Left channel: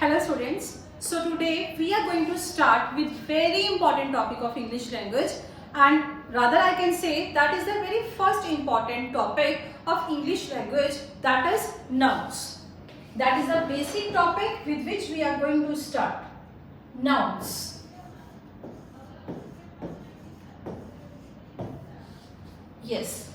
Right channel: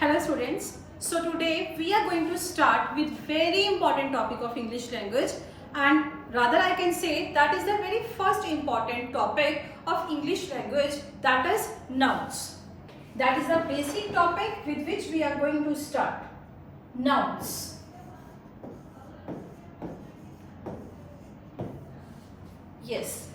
Hello students. So today we are going to start with very important topic of English language, and rather I can say that is the very first important topic of English language, that is nouns. That is the basic topic with which we are going to start. Nouns. Yes.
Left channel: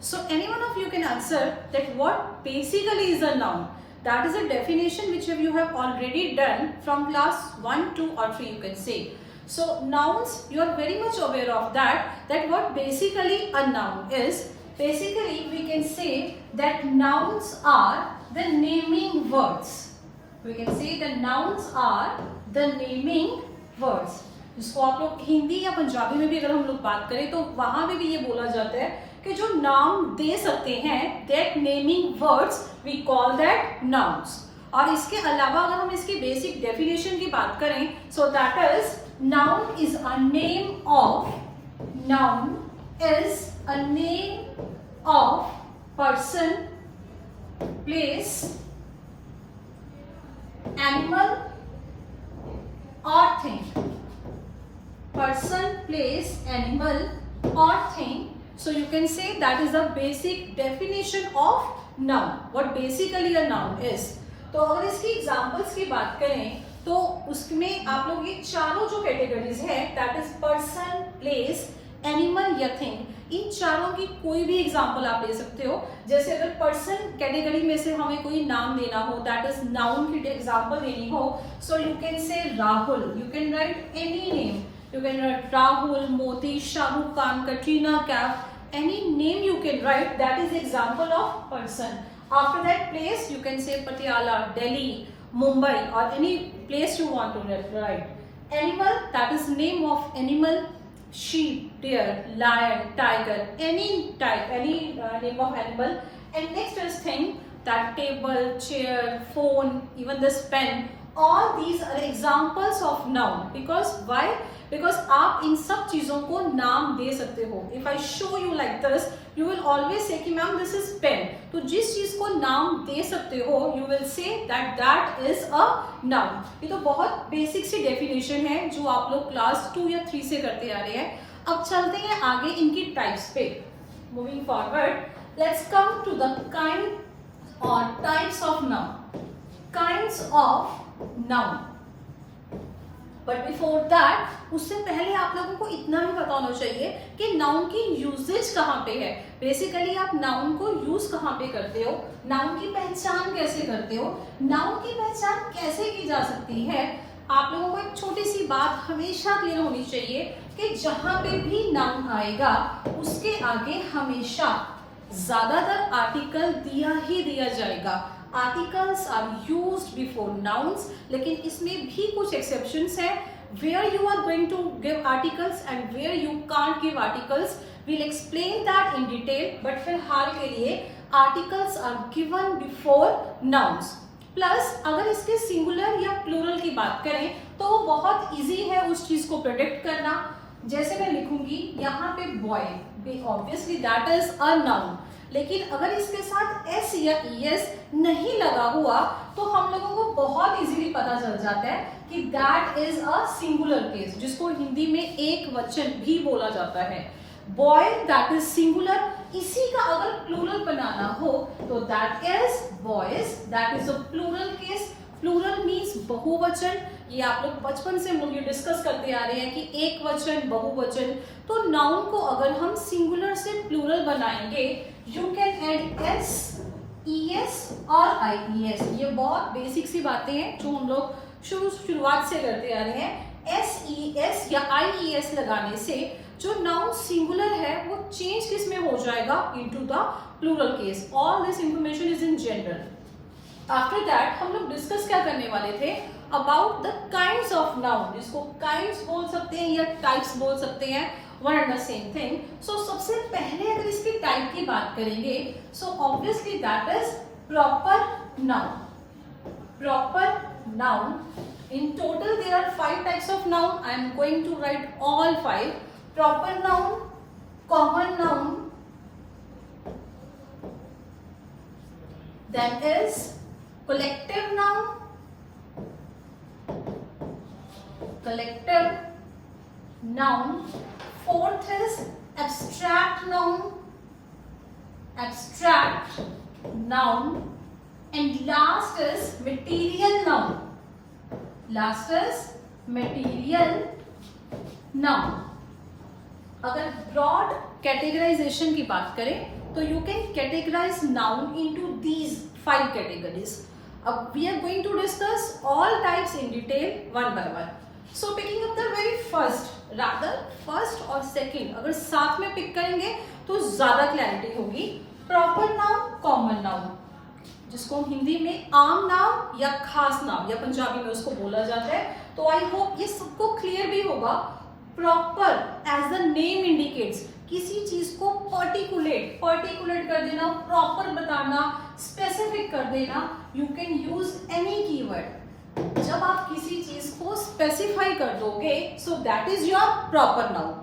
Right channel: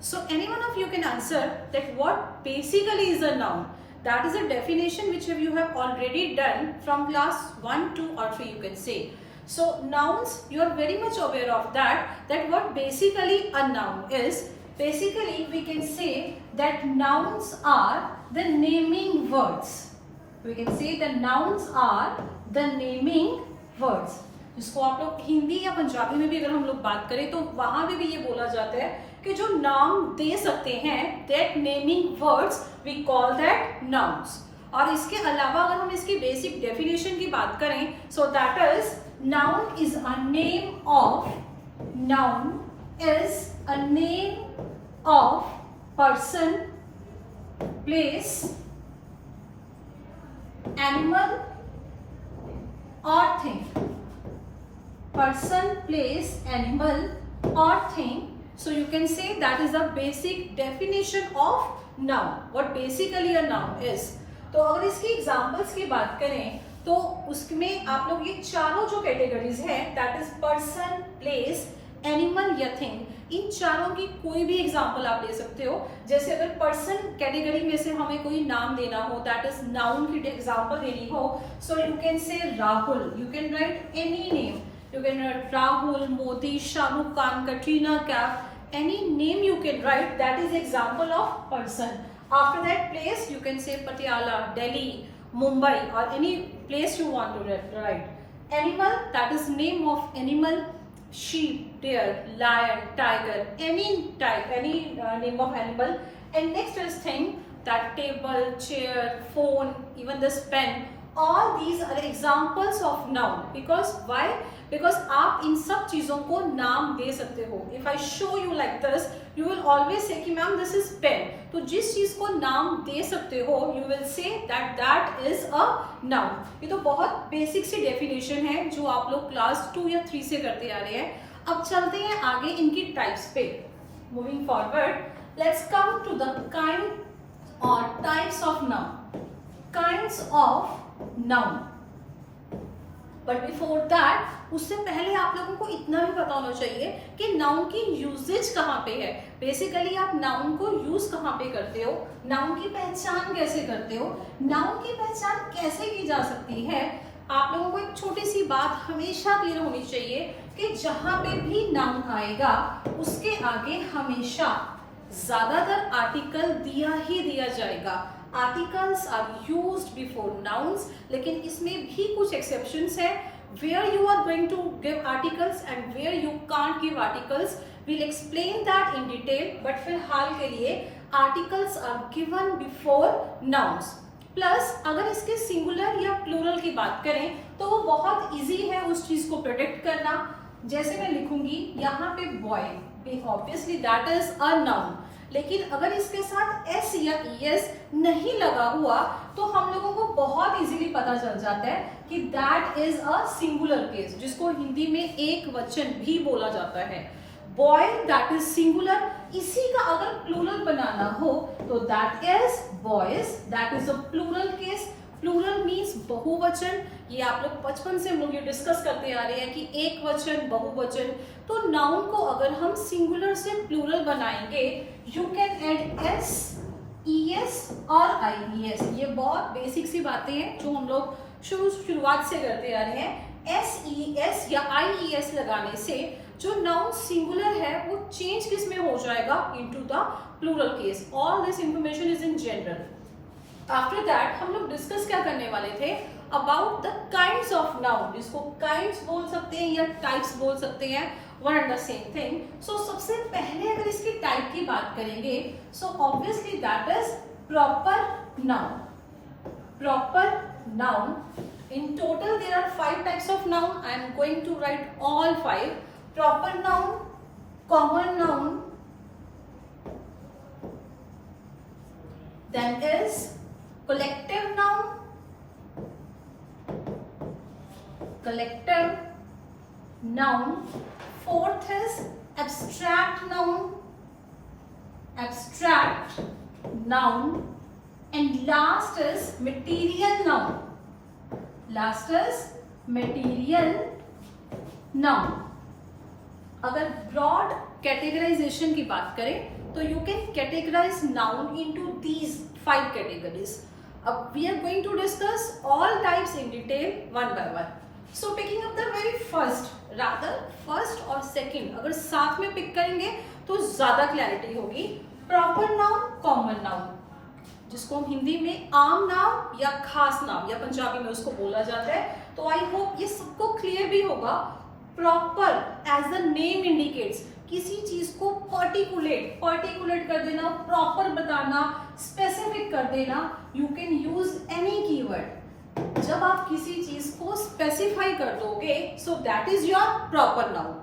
So any one of you can answer that what basically is a noun. That is a definition which you have already done from class 1, 2 or 3 you can say. So nouns, you are very much aware of that what basically a noun is. Basically we can say that nouns are the naming words. We can say the nouns are the naming words. जिसको आप लोग हिंदी या पंजाबी में भी अगर हम लोग बात करें तो वहां भी ये बोला जाता है कि जो नाम दे सकते हैं, that naming words we call that nouns. और इसके अलावा अगर हम इसकी बेसिक डेफिनेशन की बात करें, so that is noun is a name of person, place, animal or thing. Person, place, animal or thing. So you can say that is the basic definition of noun. What basically a noun is. तो अगर इसकी examples की बात करें तो उसमें आप लोग ये चारों जो कैटेगरीज हैं, that is person, place, animal या thing, इन चारों की कोई भी एग्जांपल आप ले सकते हो. जैसे अगर पर्सन कैटेगरी में से हमें कोई नाम देना हो, दैट इज नाउन की एग्जांपल देनी हो, सो you can say Rahul. You can right any name. You can write Rahul, Modi, Shah Rukh Khan, Katrina Kaif, any name you can write, that is example of person. After that place, you can say Patiala, Delhi, Mumbai or any place you want to write. Animal, that is name of animal, sheep, deer, lion, tiger, any type, any name of animal. And next is thing, that table, chair, phone, even this pen, all these are examples of noun. Because why? Because आप इन सब चीजों को नाम दे सकते हो. If I show you like this, you will always say कि ma'am this is pen. तो जिस चीज को नाम दे सकते हो, you will say that is a noun. ये तो बहुत बेसिक सी डेफिनेशन है जो आप लोग क्लास 2 या 3 से करते आ रहे हैं. अब चलते हैं आगे इनकी टाइप्स पे. Moving forward, let's come to the kind or types of noun. Kinds of noun. But before that, उससे पहले आप लोगों को इतना भी पता होना चाहिए कि नाउन की यूजेज कहाँ पे है. बेसिकली आप नाउन को यूज कहाँ पे करते हो, नाउन की पहचान कैसे करते हो, नाउन की पहचान कैसे की जा सकती है. आप लोगों को एक छोटी सी बात हमेशा क्लियर होनी चाहिए कि जहां पे भी नाउन आएगा उसके आगे हमेशा ज्यादातर आर्टिकल दिया ही दिया जाएगा. Articles are used before nouns, लेकिन इसमें भी कुछ एक्सेप्शंस है. Where you are going to give articles and where you can't give articles, we'll explain that in detail. But फिलहाल के लिए articles are given before nouns. Plus अगर इसके सिंगुलर या प्लूरल की बात करें तो वो बहुत इजी है उस चीज को प्रोटेक्ट करना. जैसे मैं लिखूंगी यहाँ पे boy, obviously that is a noun. लेकिन अगर इसके साथ एस या ईएस नहीं लगा हुआ तो हम लोगों को बहुत इजीली पता चल जाता है कि that is a singular case, जिसको हिंदी में एक वचन भी बोला जाता है. Boy that is singular. इसी का अगर प्लूरल बनाना हो तो that is boys, that is a plural case. Plural means बहुवचन. ये आप लोग बचपन से हम लोग ये डिस्कस करते आ रहे हैं कि एक वचन, बहुवचन. तो नाउन को अगर हम सिंगुलर से प्लूरल बनाएंगे, you can add S, ES और आईईएस. ये बहुत बेसिक सी बातें हैं जो हम लोग शुरुआत से करते आ रहे हैं. एस ई एस या आईईएस लगाने से जो नाउन सिंगुलर है वो चेंज किस में हो जाएगा, into the plural case. All this information is in general. After that हम लोग डिस्कस क्या करने वाले थे, about the kinds of noun, जिसको काइंड्स बोल सकते हैं या टाइप्स बोल सकते हैं, one and the same thing. So सबसे पहले अगर इसकी टाइप की बात करेंगे, so obviously that is proper noun. Proper noun, in total there are 5 types of noun. I am going to write all 5. Proper noun, common noun, then is collective noun, collective noun, fourth is abstract noun, and last is material noun. अगर broad categorization की बात करें तो you can categorize noun into these 5 categories. अब we are going to discuss all types in detail one by one. So picking up the very first और second अगर साथ में पिक करेंगे तो ज्यादा क्लैरिटी होगी. प्रॉपर नाउन, कॉमन नाउन, जिसको हम हिंदी में आम नाम या खास नाम या पंजाबी में उसको बोला जाता है. तो आई होप ये सबको क्लियर भी होगा. Proper as the name indicates, किसी चीज को पर्टिकुलेट कर देना, प्रॉपर बताना, स्पेसिफिक कर देना. You can use any keyword. जब आप किसी चीज को स्पेसिफाई कर दोगे सो that is your proper noun.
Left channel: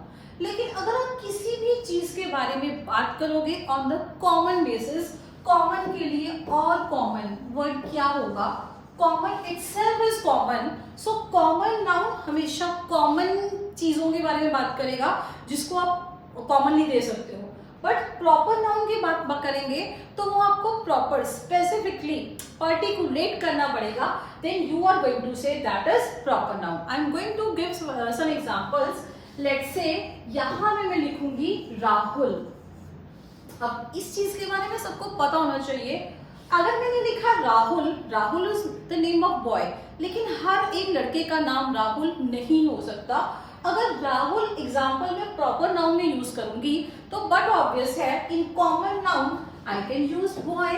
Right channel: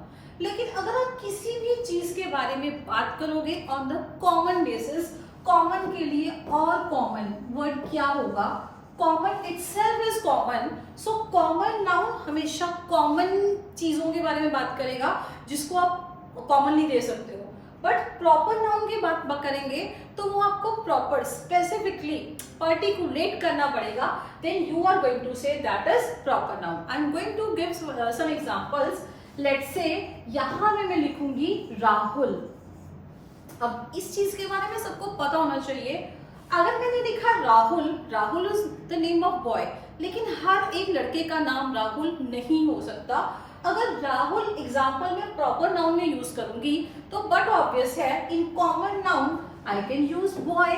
लेकिन अगर आप किसी भी चीज के बारे में बात करोगे on the common basis, common के लिए और कॉमन वर्ड क्या होगा? Common itself is common. So common noun हमेशा कॉमन चीजों के बारे में बात करेगा जिसको आप कॉमनली दे सकते हो. बट प्रॉपर नाउन की बात करेंगे तो वो आपको प्रॉपर स्पेसिफिकली पर्टिकुलेट करना पड़ेगा. Then you are going to say that is proper noun. I am going to give some examples. Let's say यहां में मैं लिखूंगी राहुल. अब इस चीज के बारे में सबको पता होना चाहिए. अगर मैंने लिखा Rahul is the name of boy, लेकिन हर एक लड़के का नाम राहुल नहीं हो सकता. अगर राहुल एग्जाम्पल में प्रॉपर नाउन में यूज करूंगी तो बट ऑब्वियस है in common noun I can use boy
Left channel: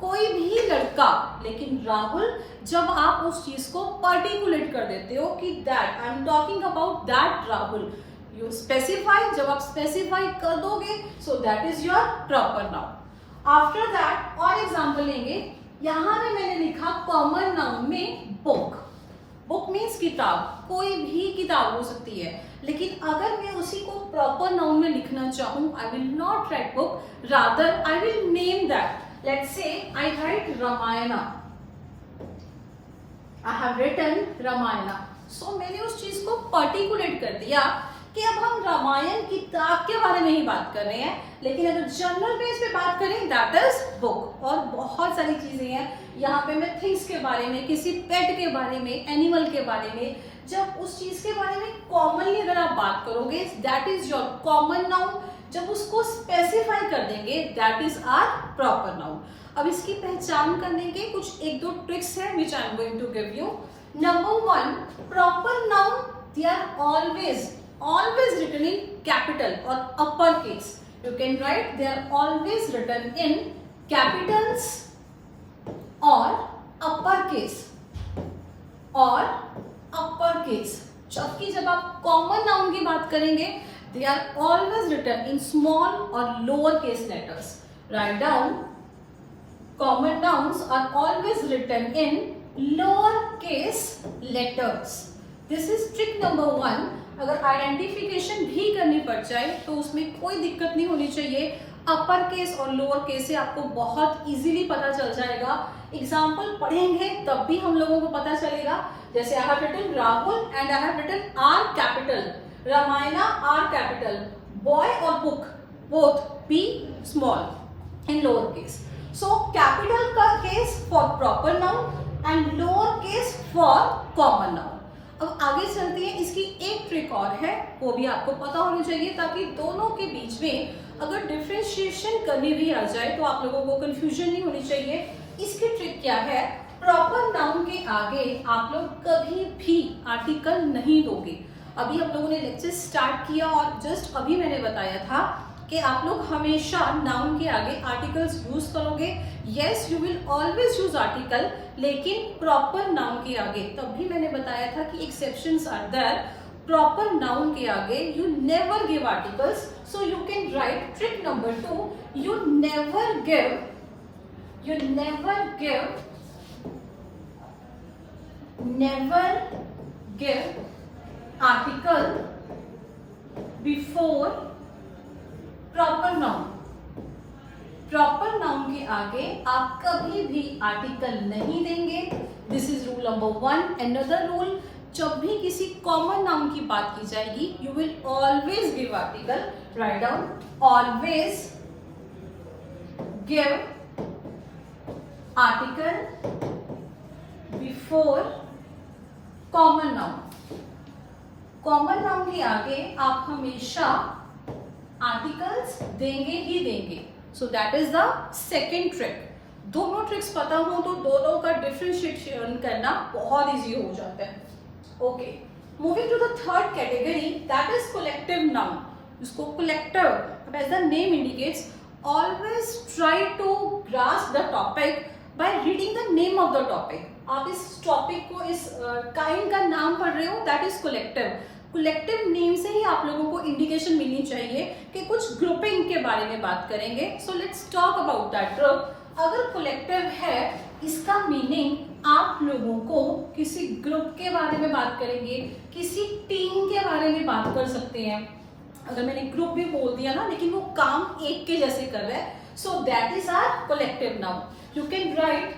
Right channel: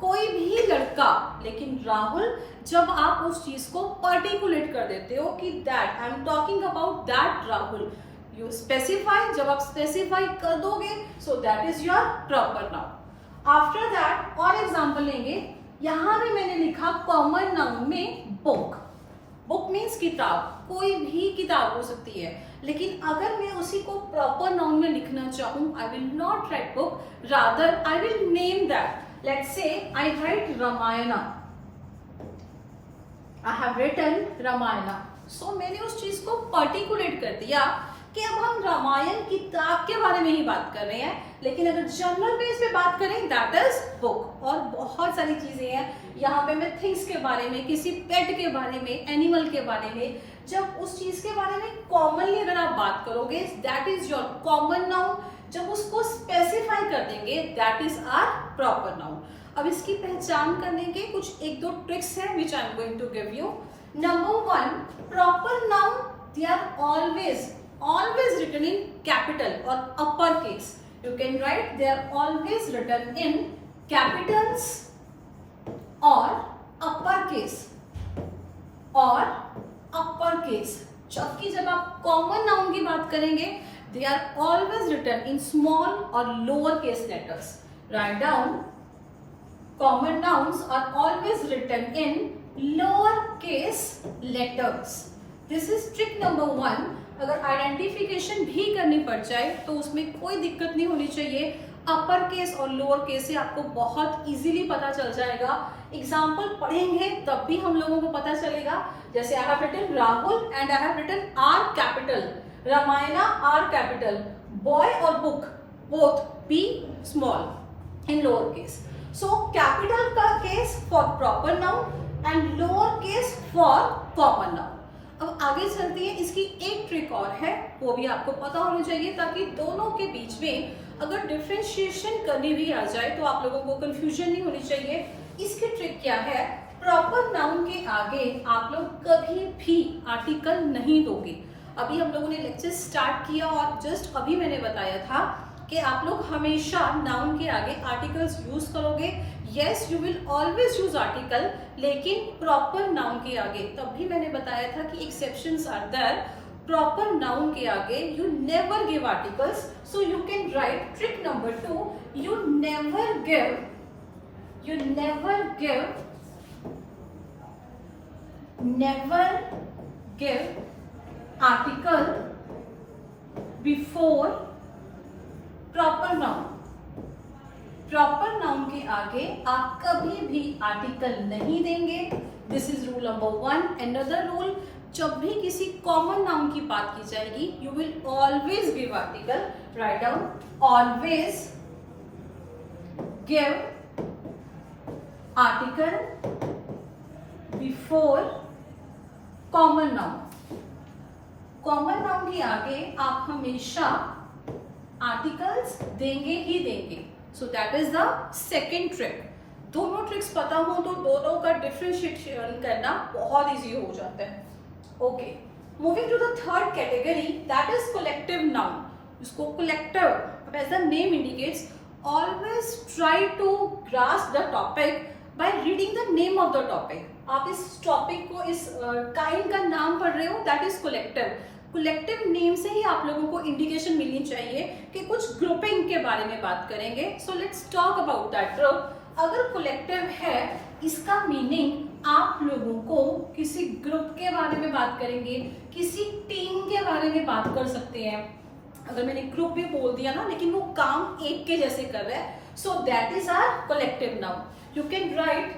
कोई भी लड़का. लेकिन राहुल जब आप उस चीज को पर्टिकुलेट कर देते हो कि that I am talking about that Rahul, you specify. जब आप स्पेसिफाई कर दोगे सो that is your proper noun. After that और एग्जाम्पल लेंगे. यहां में मैंने लिखा कॉमन नाउन में बुक मीन्स किताब, कोई भी किताब हो सकती है. लेकिन अगर मैं उसी को प्रॉपर नाउन में लिखना चाहूं, I will not write book, rather I will name that. Let's say I write Ramayan, I have written Ramayan. So मैंने उस चीज को पर्टिकुलेट कर दिया कि अब हम रामायण किताब के बारे में ही बात कर रहे हैं. लेकिन अगर जनरल बेस पे बात करें दैट इज बुक. और बहुत सारी चीजें हैं यहाँ पे. मैं थिंग्स के बारे में, किसी पेट के बारे में, एनिमल के बारे में, जब उस चीज के बारे में कॉमनली अगर आप बात करोगे that is your common noun. जब उसको स्पेसिफाई कर देंगे that is our proper noun. अब इसकी पहचान करने के कुछ 1-2 ट्रिक्स हैं which I am going to give you. Number 1, proper noun they are always written in capital or uppercase. You can write they are always written in capitals or uppercase. जबकि जब आप common noun की बात करेंगे they are always written in small or lower case letters. Write down, common nouns are always written in lower case letters. This is trick number 1. अगर identification भी करनी पड़ जाए तो उसमें कोई दिक्कत नहीं होनी चाहिए. अपर केस और लोअर केस से आपको बहुत इजीली पता चल जाएगा. एग्जाम्पल पढ़ेंगे तब भी हम लोगों को पता चलेगा. जैसे I have written Rahul and I have written R capital, Ramayan R capital, boy और book both be small in lower case. So capital का case for proper noun and lower case for common noun. अब आगे चलती है. इसकी एक trick और है, वो भी आपको पता होनी चाहिए ताकि दोनों के बीच में अगर डिफरेंशिएशन करनी भी आ जाए तो आप लोगों को कंफ्यूजन नहीं होनी चाहिए. इसकी ट्रिक क्या है? प्रॉपर नाउन के आगे आप लोग कभी भी आर्टिकल नहीं दोगे. अभी हम लोगों ने लेक्चर स्टार्ट किया और जस्ट अभी मैंने बताया था कि आप लोग हमेशा नाउन के आगे आर्टिकल्स यूज करोगे. Yes, you will always use article, लेकिन प्रॉपर नाउन के आगे. तब भी मैंने बताया था कि exceptions are there. Proper noun के आगे you never give articles. So you can write trick number 2, you never give article before proper noun. Proper noun के आगे आप कभी भी आर्टिकल नहीं देंगे। This is rule number 1। Another rule, जब भी किसी कॉमन नाउन की बात की जाएगी you will always give article. Write down, always give article before common noun. Common noun के आगे आप हमेशा आर्टिकल्स देंगे ही देंगे। सो that is the second trick. दोनों ट्रिक्स पता हो तो दोनों का डिफरेंशिएशन करना बहुत इजी हो जाता है। Okay, moving to the third category, that is collective noun. इसको कलेक्टिव, अब as the name indicates, always try to grasp the topic by reading the name of the topic. आप इस टॉपिक को, इस काइंड का नाम पढ़ रहे हो, that is collective. Collective name से ही आप लोगों को इंडिकेशन मिलनी चाहिए कि कुछ ग्रुपिंग के बारे में बात करेंगे। So let's talk about that group. अगर कलेक्टिव है, इसका मीनिंग आप लोगों को किसी ग्रुप के बारे में बात करेंगे, किसी टीम के बारे में बात कर सकते हैं। अगर मैंने ग्रुप भी बोल दिया ना, लेकिन वो काम एक के जैसे कर रहा है, so that is our collective noun. You can write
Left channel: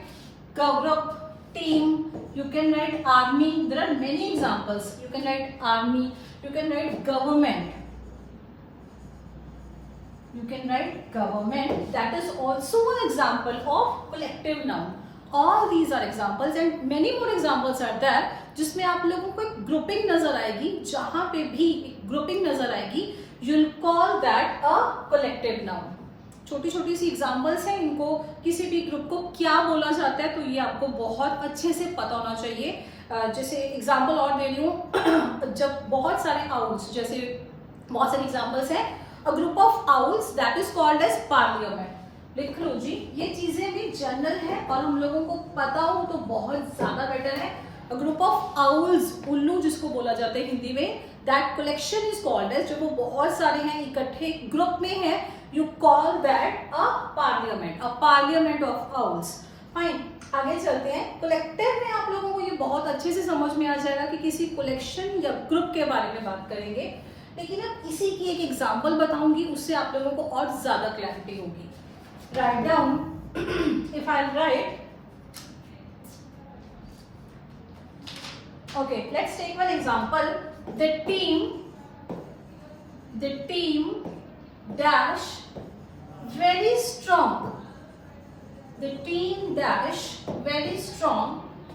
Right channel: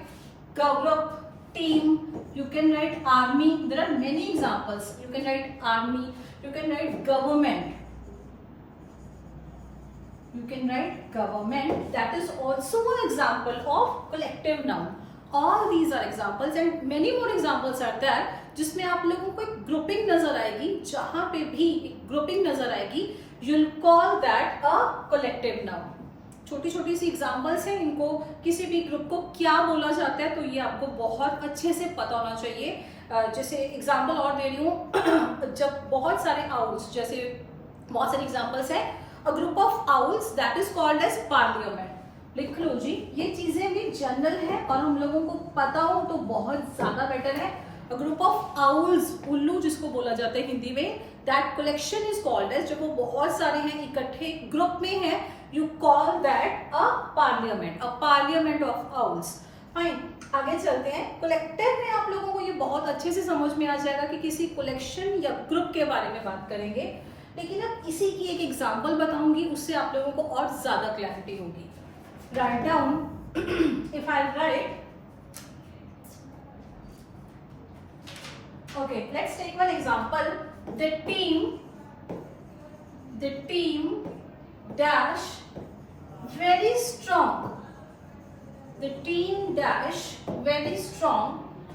group, team, you can write army. There are many examples. You can write army, you can write government, you can write government. That is also one example of collective noun. All these are examples and many more examples are there जिसमें आप लोगों को एक grouping नजर आएगी। जहां पे भी एक ग्रुपिंग नजर आएगी you'll call that a collective noun. छोटी छोटी सी एग्जाम्पल्स हैं, इनको किसी भी ग्रुप को क्या बोला जाता है तो ये आपको बहुत अच्छे से पता होना चाहिए। जैसे एग्जाम्पल और दे रही हूँ, जब बहुत सारे आउल्स, जैसे बहुत सारी एग्जाम्पल्स हैं, a group of owls that is called as parliament. लिख लो जी, ये चीजें भी जनरल है और हम लोगों को पता हो तो बहुत ज्यादा बेटर है। अ ग्रुप ऑफ आउल्स, उल्लू जिसको बोला जाता है हिंदी में, that collection is called as, जब वो बहुत सारे हैं, इकट्ठे ग्रुप में है, you call that a parliament of owls. Fine, आगे चलते हैं। कलेक्टिव में आप लोगों को ये बहुत अच्छे से समझ में आ जाएगा कि किसी कलेक्शन या ग्रुप के बारे में बात करेंगे, लेकिन अब इसी की एक एग्जांपल बताऊंगी, उससे आप लोगों को और ज्यादा क्लैरिटी होगी। Write down, if I write, okay, let's take one example. the team dash very strong. The team dash very strong.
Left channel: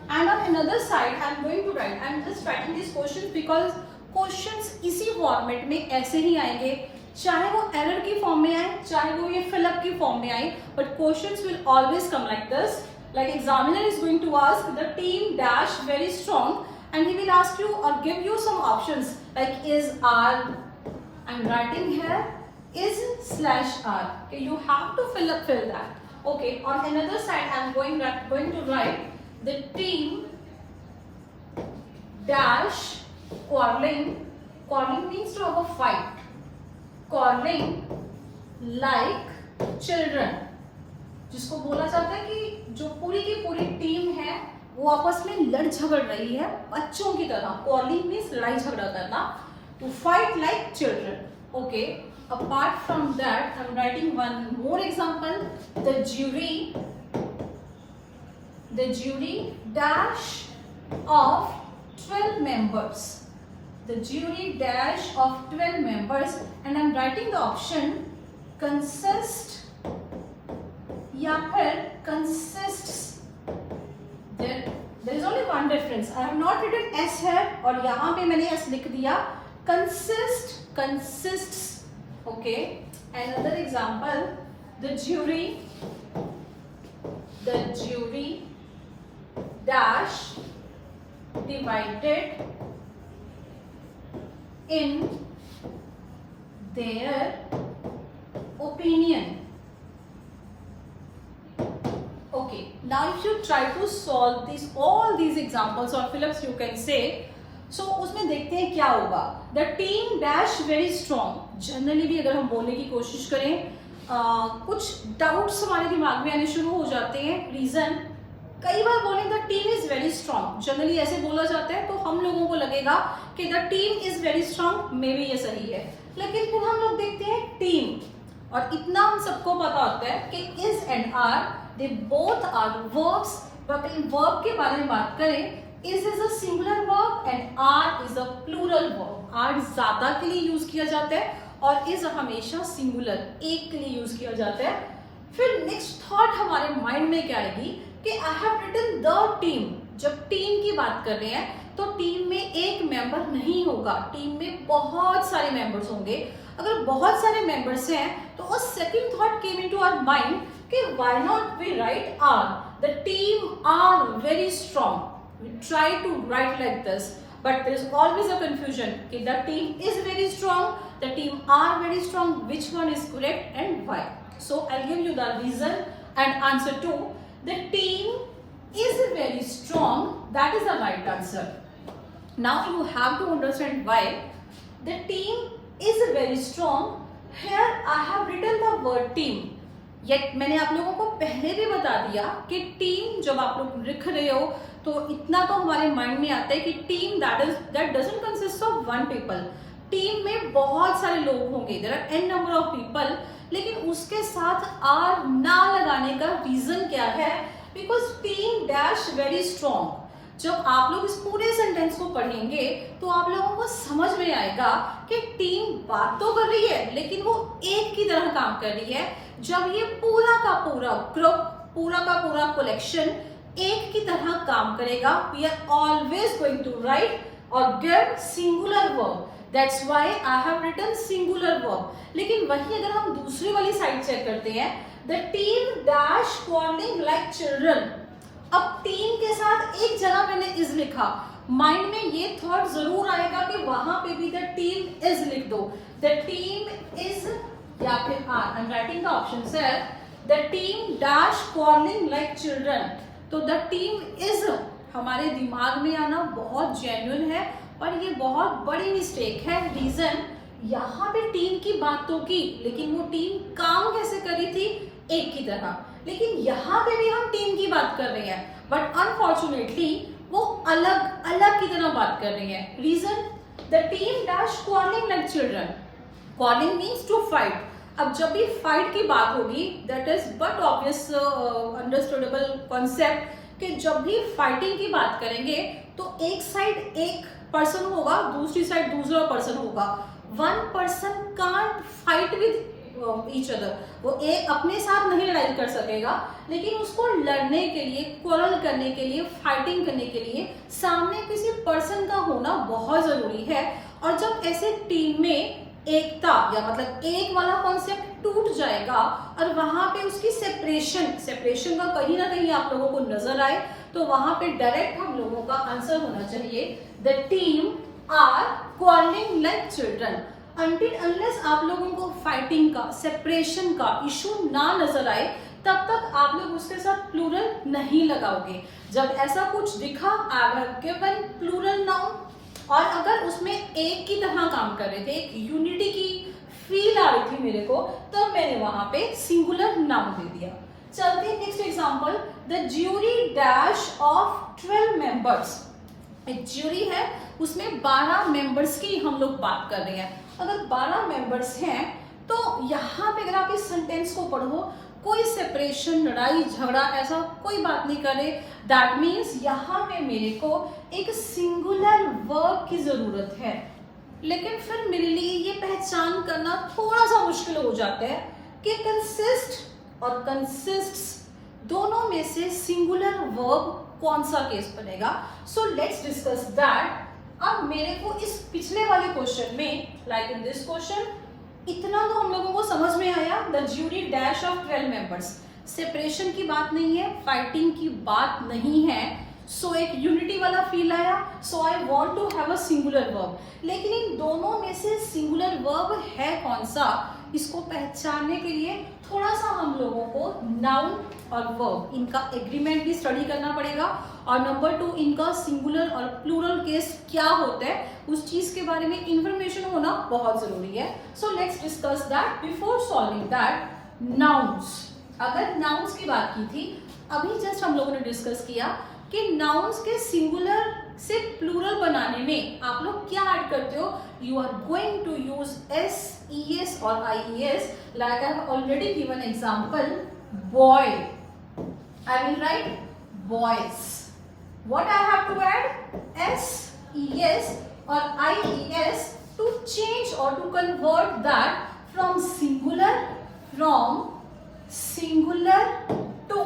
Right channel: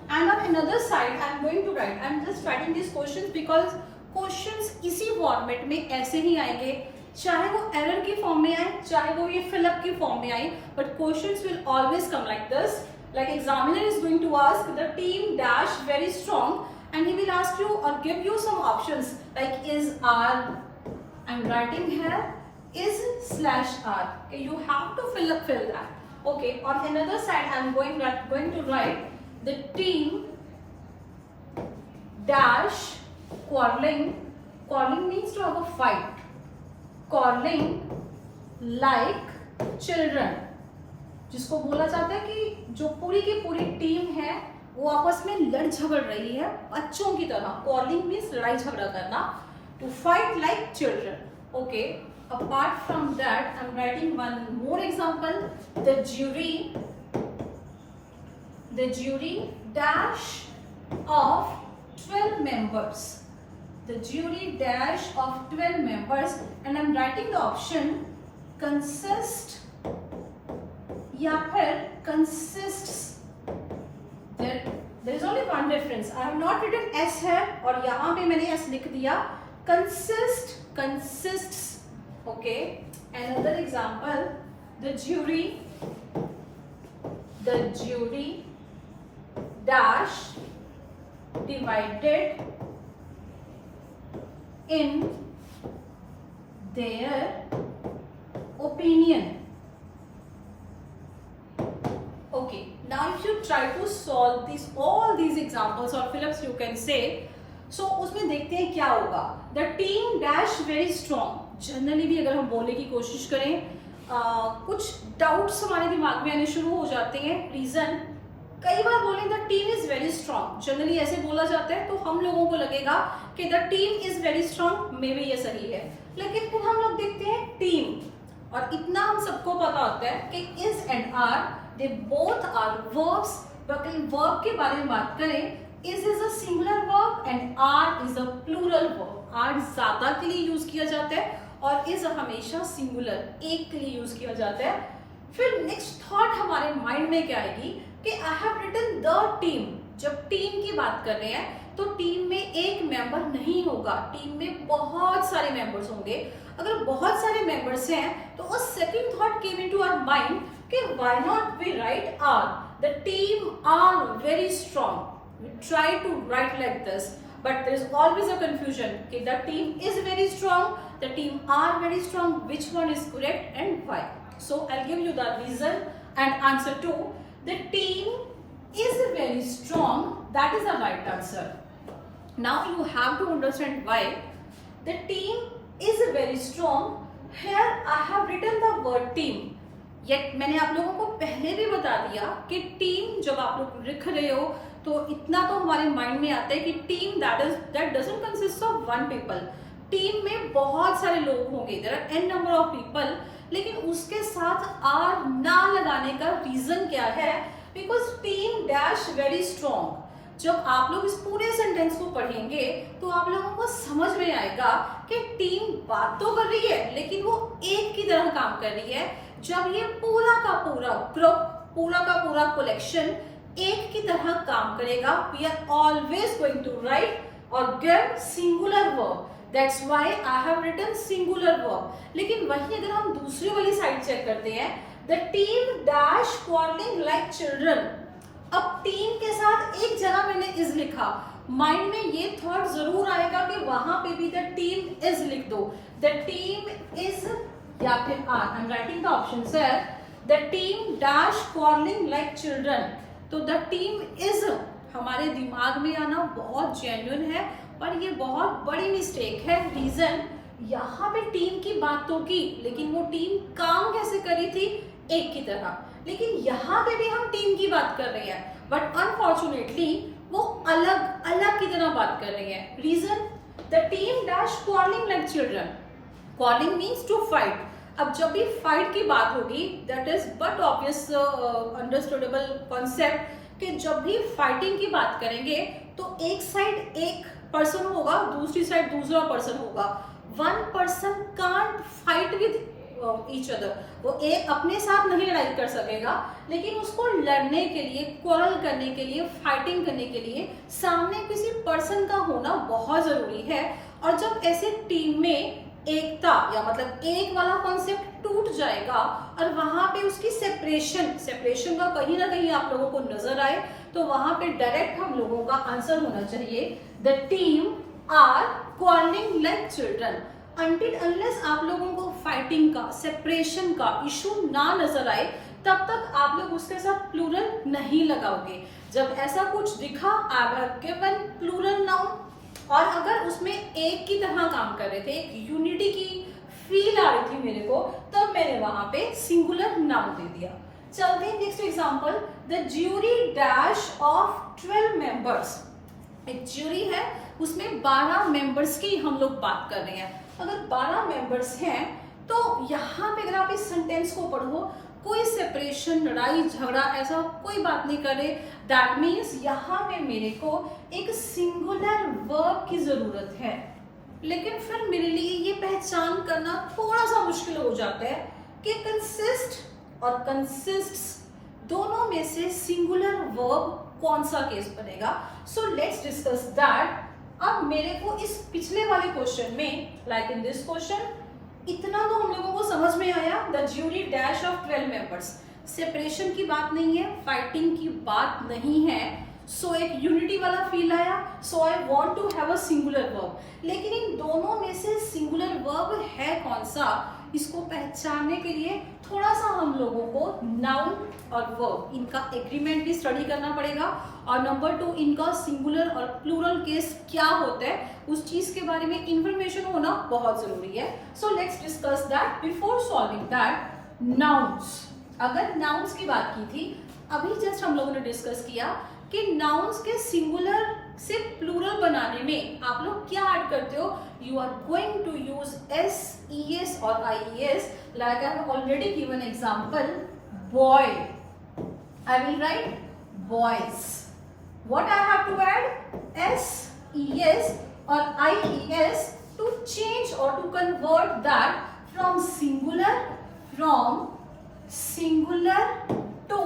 And on another side, I am going to write. I am just writing these questions because questions इसी format में ऐसे ही आएंगे, चाहे वो error की form में आए, चाहे वो ये फिलअप की फॉर्म में आए, but questions will always come like this. Like examiner is going to ask the team dash very strong, and he will ask you or give you some options like is, are. I'm writing here is /are. Okay, you have to fill that. Okay, on another side I'm going to write the team dash quarreling. Quarreling means to have a fight. Quarreling like children, जिसको बोला जाता है कि जो पूरी की पूरी team है वो आपस में लड़ झगड़ रही है बच्चों की तरह। Quarreling means लड़ाई झगड़ा करना, to fight like children. Okay, apart from that I'm writing one more example. The jury dash of 12 members. The jury dash of 12 members, and I'm writing the option consist या फिर consists. There is only one difference. I have not written S here और यहाँ पे मैंने S लिख दिया. Consist, consists. Okay. Another example. The jury dash divided in their opinion. Okay, now if you try to solve all these examples or fill-ups you can say, so उसमें देखते हैं क्या होगा। The team dash very strong. Generally भी अगर हम बोलने की कोशिश करें, कुछ डाउट्स हमारे दिमाग में आने शुरू हो जाते हैं। रीजन, कई बार बोले the team is very strong, generally ऐसे बोला जाता है तो हम लोगों को लगेगा कि the team is very strong, may be ये सही है। लेकिन फिर हम लोग देखते हैं टीम, और इतना हम सबको पता होता है कि is and are they both are verbs. Verb के बारे में बात करें, is a singular verb and are is a plural verb. Are ज्यादा के लिए यूज किया जाता है और इज हमेशा सिंगुलर, एक के लिए यूज किया जाता है। फिर नेक्स्ट थॉट हमारे माइंड में क्या आएगी कि I have written the team. जब टीम की बात कर रहे हैं तो टीम में एक मेंबर नहीं होगा, टीम में बहुत सारे मेंबर्स होंगे। अगर बहुत सारे मेंबर्स हैं तो a second thought came into our mind कि why not we write are, the team are very strong. We try to write like this, but there is always a confusion. Okay, the team is very strong, the team are very strong. Which one is correct and why? So I'll give you the reason and answer to. The team is very strong. That is the right answer. Now you have to understand why. The team is very strong. Here I have written the word team. Yet मैंने आप लोगों को पहले भी बता दिया कि team जब आप लोग लिख रहे हो तो इतना तो हमारे माइंड में आता है कि team that doesn't consist of one people. Team में बहुत सारे लोग होंगे, there are an number of people, लेकिन उसके साथ आर ना लगाने का रीजन क्या है? Because team dash very strong. जब आप लोग इस पूरे सेंटेंस को पढ़ेंगे तो आप लोगों को समझ में आएगा कि टीम बात तो कर रही है लेकिन वो एक की तरह काम कर रही है। जब ये पूरा का पूरा ग्रुप, पूरा का पूरा कलेक्शन एक की तरह काम करेगा, we are always going to write or give singular verb. That's why I have written singular verb. लेकिन वही अगर हम दूसरी वाली साइड चेक करते हैं, the team dash quarrelling like children. अब टीम के साथ एक जगह मैंने इज लिखा, माइंड में ये थॉट जरूर आएगा कि वहां पे भी द टीम इज लिख दो। द टीम इज या फिर are, I am writing the option है the team dash quarrelling like children. तो द टीम इज हमारे दिमाग में आना बहुत जेन्युइन है और ये बहुत बड़ी मिस्टेक है। रीजन, यहाँ पे टीम की बात तो की लेकिन वो टीम काम कैसे करी थी? एक की तरह। लेकिन यहाँ पे भी हम टीम की बात कर रहे हैं बट अनफॉर्चुनेटली वो अलग अलग की तरह बात कर रही है। Reason, the team dash quarrelling like children. Quarrelling means to fight. अब जब भी फाइट की बात होगी, that is but obvious understandable concept कि जब भी फाइटिंग की बात करेंगे तो एक साइड एक पर्सन होगा, दूसरी साइड दूसरा पर्सन होगा। One person can't fight with each other. वो एक अपने साथ नहीं लड़ाई कर सकेगा लेकिन उसको लड़ने के लिए, क्वारल करने के लिए, फाइटिंग करने के लिए सामने किसी पर्सन का होना बहुत जरूरी है। और जब ऐसे टीम में एकता या मतलब एक वाला कॉन्सेप्ट टूट जाएगा और वहां पे उसकी सेपरेशन का कहीं ना कहीं आप लोगों को नजर आए तो वहां पे डायरेक्ट हम लोगों का आंसर होना चाहिए the team are quarrelling like children. Until unless आप लोगों को फाइटिंग का, सेपरेशन का इशू ना नजर आए तब तक आप लोग उसके साथ प्लूरल नहीं लगाओगे। जब ऐसा कुछ दिखा, I have given plural noun और अगर उसमें एक की तरह काम कर रहे थे, एक यूनिटी की फील आ रही थी मेरे को, तब मैंने वहां पे सिंगुलर नाउन दे दिया। चलते हैं next example, the jury dash of 12 members. एक ज्यूरी है, उसमें 12 मेंबर्स की हम लोग बात कर रहे हैं। अगर 12 मेंबर्स हैं तो यहाँ पे अगर आप इस सेंटेंस को पढ़ो, कोई सेपरेशन, लड़ाई झगड़ा ऐसा कोई बात नहीं करे। दैट मीन्स यहाँ पे मेरे को एक सिंगुलर वर्ब की जरूरत है। लेकिन फिर मेरे लिए ये पहचान करना थोड़ा सा मुश्किल हो जाता है कि कंसिस्ट और कंसिस्ट्स दोनों में से सिंगुलर वर्ब कौन सा केस बनेगा। So let's discuss that. अब मेरे को इस पिछले वाले क्वेश्चन में, लाइक इन दिस क्वेश्चन, इतना तो हम लोगों को समझ में आया, the jury dash of 12 members. Separation की बात नहीं है, फाइटिंग की बात नहीं है, सो एक यूनिटी वाला फील आया। So I want to have a singular verb. लेकिन इन दोनों में से सिंगुलर वर्ब है कौन सा, इसको पहचानने के लिए थोड़ा सा हम लोगों को नाउन और वर्ब इनका एग्रीमेंट भी स्टडी करना पड़ेगा और नंबर 2 इनका सिंगुलर और प्लूरल केस क्या होता है उस चीज के बारे में इंफॉर्मेशन होना बहुत जरूरी है। So let's discuss that. Before solving that, nouns. अगर नाउन्स की बात की थी, अभी जस्ट हम लोगों ने डिस्कस किया कि नाउन्स के सिंगुलर से प्लूरल बनाने में आप लोग क्या ऐड करते हो? You are going to use s, e s or I e s. Like I have already given example boy. I will write boys. What I have to add? S, es or ies to change or to convert that from singular to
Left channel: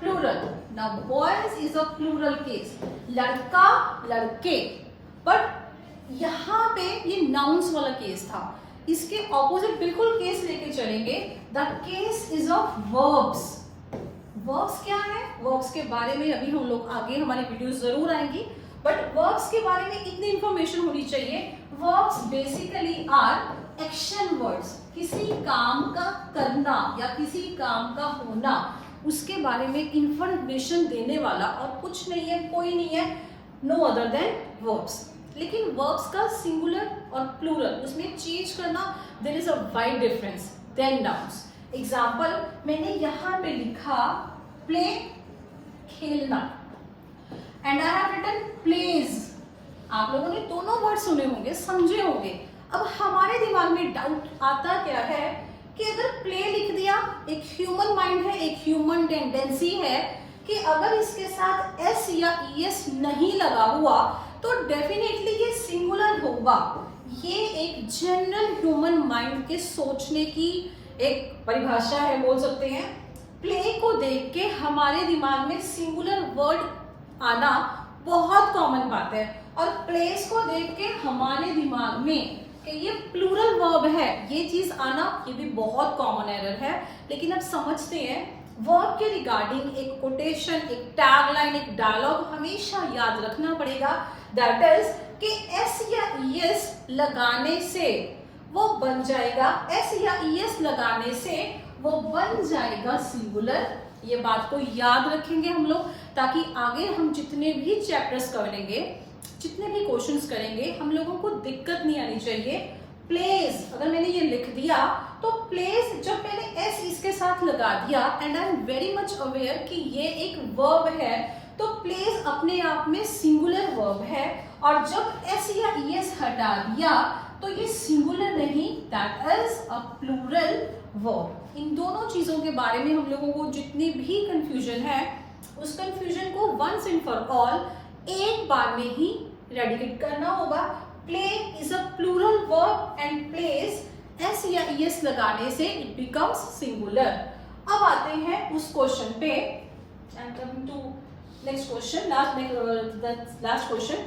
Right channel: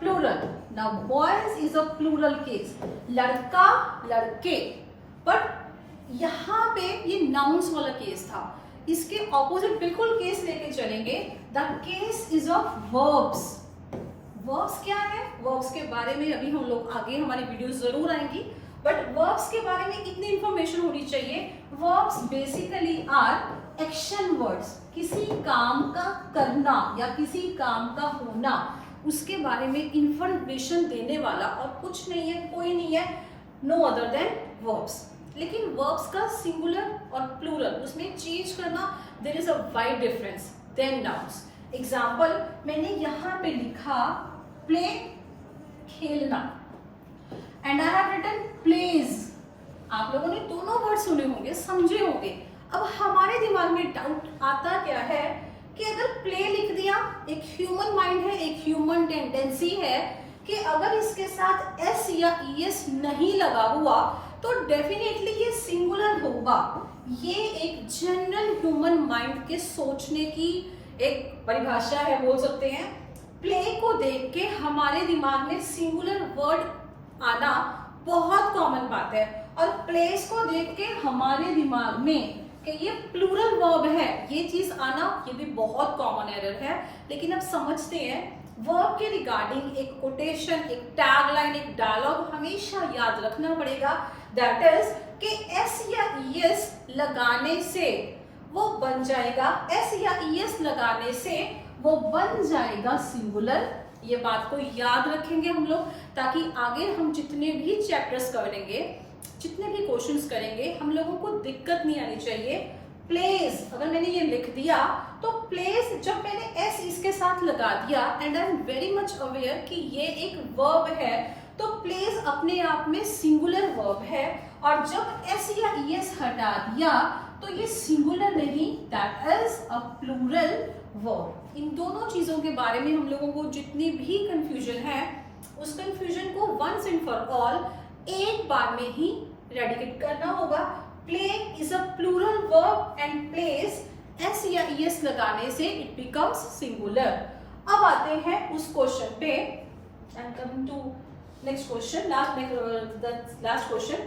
plural. Now boys is a plural case. लड़का लड़के. But यहाँ पे ये nouns वाला case था. इसके opposite बिल्कुल case लेके चलेंगे. The case is of verbs. Verbs क्या है? वर्ब्स के बारे में अभी हम लोग आगे हमारी वीडियोस जरूर आएंगी, बट वर्ब्स के बारे में इतनी इंफॉर्मेशन होनी चाहिए. Verbs basically are action words. किसी काम का करना या किसी काम का होना, उसके बारे में इंफॉर्मेशन देने वाला और कुछ नहीं है, कोई नहीं है, नो अदर देन वर्ब्स. लेकिन वर्ब्स का सिंगुलर और प्लूरल, उसमें चेंज करना, there is a wide difference than nouns. Example मैंने यहाँ पे लिखा प्ले, खेलना, and I have written plays. आप लोगों ने दोनों वर्ड सुने होंगे, समझे होंगे. अब हमारे दिमाग में डाउट आता क्या है कि अगर प्ले लिख दिया, एक ह्यूमन माइंड है, एक ह्यूमन टेंडेंसी है कि अगर इसके साथ एस या ई एस नहीं लगा हुआ तो डेफिनेटली ये सिंगुलर होगा. ये एक जनरल ह्यूमन माइंड के सोचने की एक परिभाषा है, बोल सकते हैं. प्ले को देख के हमारे दिमाग में सिंगुलर वर्ड आना बहुत कॉमन बात है, और प्लेस को देख के हमारे दिमाग में कि ये प्लूरल वर्ब है, ये चीज आना, ये भी बहुत कॉमन एरर है. लेकिन अब समझते हैं वर्ब के रिगार्डिंग एक कोटेशन, एक टैगलाइन, एक डायलॉग हमेशा याद रखना पड़ेगा. दैट इज कि एस या ई एस लगाने से वो बन जाएगा, एस या ई एस लगाने से वो बन जाएगा सिंगुलर. ये बात को याद रखेंगे हम लोग, ताकि आगे हम जितने भी चैप्टर्स करेंगे, जितने भी क्वेश्चंस करेंगे, हम लोगों को दिक्कत नहीं आनी चाहिए. प्लेस अगर मैंने ये लिख दिया तो प्लेस जब मैंने एस इसके साथ लगा दिया, and I am very much aware कि ये एक वर्ब है, तो प्लेस अपने आप में सिंगुलर वर्ब है. और जब एस या ई एस हटा दिया तो ये सिंगुलर नहीं, that is a plural verb. इन दोनों चीजों के बारे में हम लोगों को जितनी भी कंफ्यूजन है, उस कंफ्यूजन को वंस एंड फॉर ऑल एक बार में ही रेडिकेट करना होगा. Play is a plural verb and plays S या ई एस लगाने से इट बिकम्स सिंगुलर. अब आते हैं उस क्वेश्चन पे. I am coming to next question, last question.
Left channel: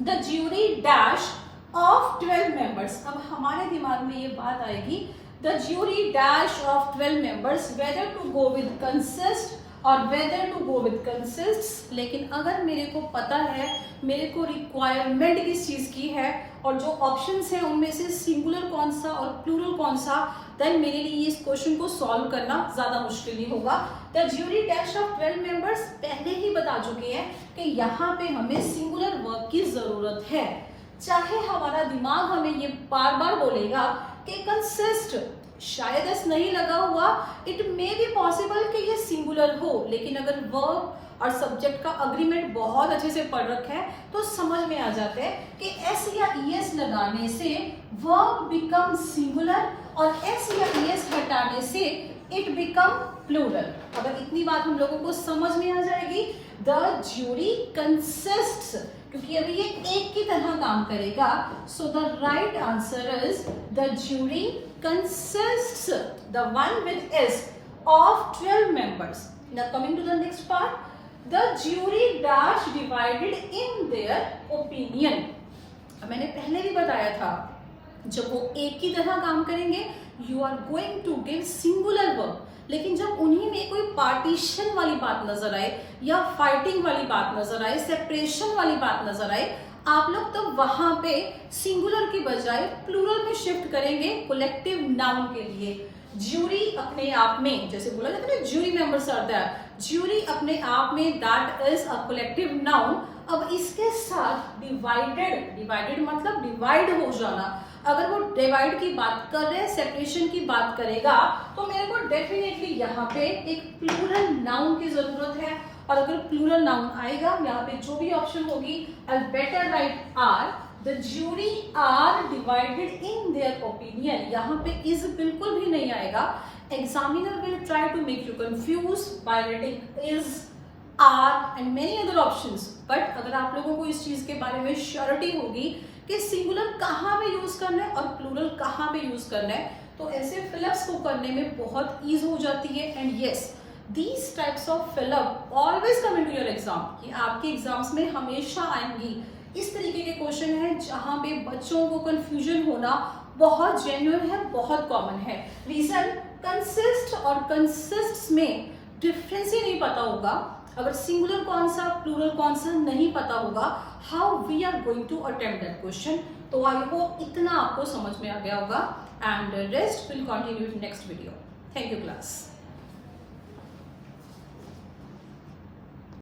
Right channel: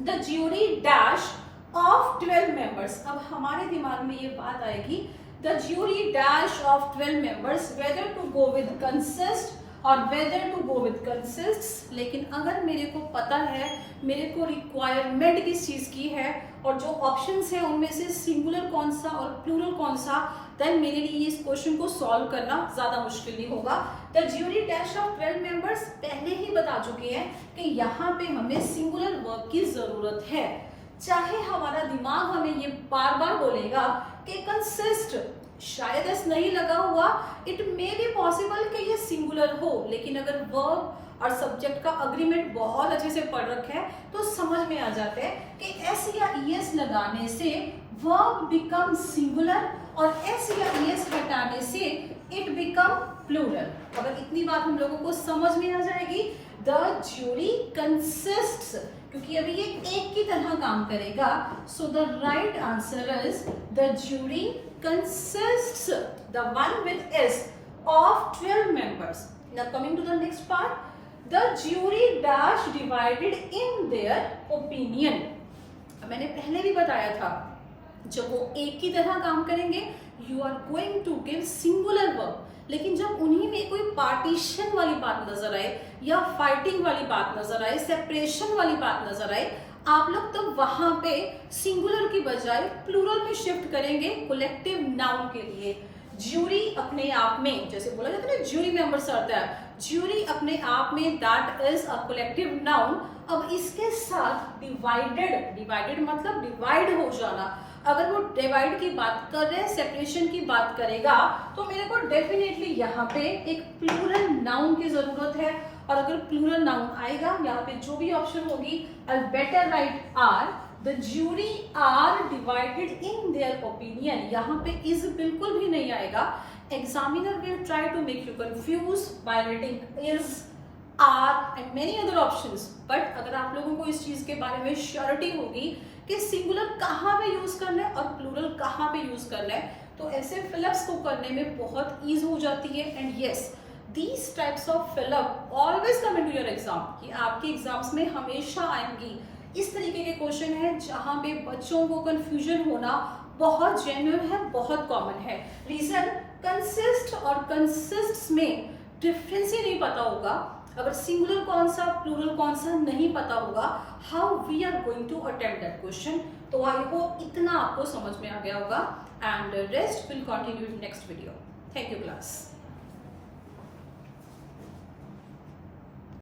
The jury dash of 12 members. अब हमारे दिमाग में ये बात आएगी, the jury dash of 12 members whether to go with consist or whether to go with consists. लेकिन अगर मेरे को पता है, मेरे को रिक्वायरमेंट किस चीज की है, और जो ऑप्शंस है उनमें से सिंगुलर कौन सा और प्लूरल कौन सा, देन मेरे लिए इस क्वेश्चन को सॉल्व करना ज्यादा मुश्किल नहीं होगा. The jury dash of 12 members पहले ही बता चुके हैं कि यहाँ पे हमें सिंगुलर वर्ब की जरूरत है. चाहे हमारा दिमाग हमें ये बार बार बोलेगा कि कंसिस्ट, शायद एस नहीं लगा हुआ, इट मे बी पॉसिबल कि ये सिंगुलर हो, लेकिन अगर वर्ब और सब्जेक्ट का अग्रीमेंट बहुत अच्छे से पढ़ रखा है तो समझ में आ जाता है कि एस या ई एस लगाने से वर्ब बिकम सिंगुलर और एस या ई एस हटाने से इट बिकम प्लूरल. अगर इतनी बात हम लोगों को समझ में आ जाएगी, द ज्यूरी कंसिस्ट्स, क्योंकि अभी ये एक की तरह काम करेगा. So the right answer is the jury consists, the one with S, of 12 members. Now coming to the next part, the jury dash divided in their opinion. मैंने पहले भी बताया था, जब वो एक की तरह काम करेंगे you are going to give singular verb. लेकिन जब उन्हीं में कोई पार्टीशन वाली बात नजर आए या फाइटिंग वाली बात नजर आए, सेपरेशन वाली बात नजर आए, आप लोग तब वहां पे सिंगुलर की बजाय प्लूरल में शिफ्ट करेंगे कलेक्टिव नाउन के लिए. ज्यूरी अपने आप में, जैसे बोला जाता है ना, jury members are there, jury अपने आप में that is a collective noun. अब इसके साथ डिवाइडेड, डिवाइडेड मतलब डिवाइड हो जाना. अगर वो डिवाइड की बात कर रहे हैं, सेपरेशन की बात करेगा, तो मेरे को डेफिनेटली यहाँ पे एक प्लूरल नाउन की जरूरत है. और अगर प्लूरल नाउन आएगा यहाँ पे जो भी ऑप्शन होगी, I better write are, the jury are divided in their opinion, यहाँ पे इज बिल्कुल भी नहीं आएगा. Examiner will try to make you confuse by writing is, are and many other options. But अगर आप लोगों को इस चीज के बारे में श्योरिटी होगी कि सिंगुलर कहाँ पे यूज करना है और प्लूरल कहाँ पे यूज करना है, तो ऐसे फिलअप्स को करने में बहुत ईज हो जाती है. And yes, these types of fill up always come into your exam, कि आपके एग्जाम्स में हमेशा आएंगी. इस तरीके के क्वेश्चन है जहां पे बच्चों को कंफ्यूजन होना बहुत जेन्युइन है, बहुत कॉमन है. रीजन, कंसिस्ट और कंसिस्ट्स में डिफरेंस ही नहीं पता होगा. अगर सिंगुलर कौन सा प्लूरल कौन सा नहीं पता होगा, how we are going to attempt that question. तो आई होप इतना आपको समझ में आ गया होगा, and rest will continue in next video. Thank you class.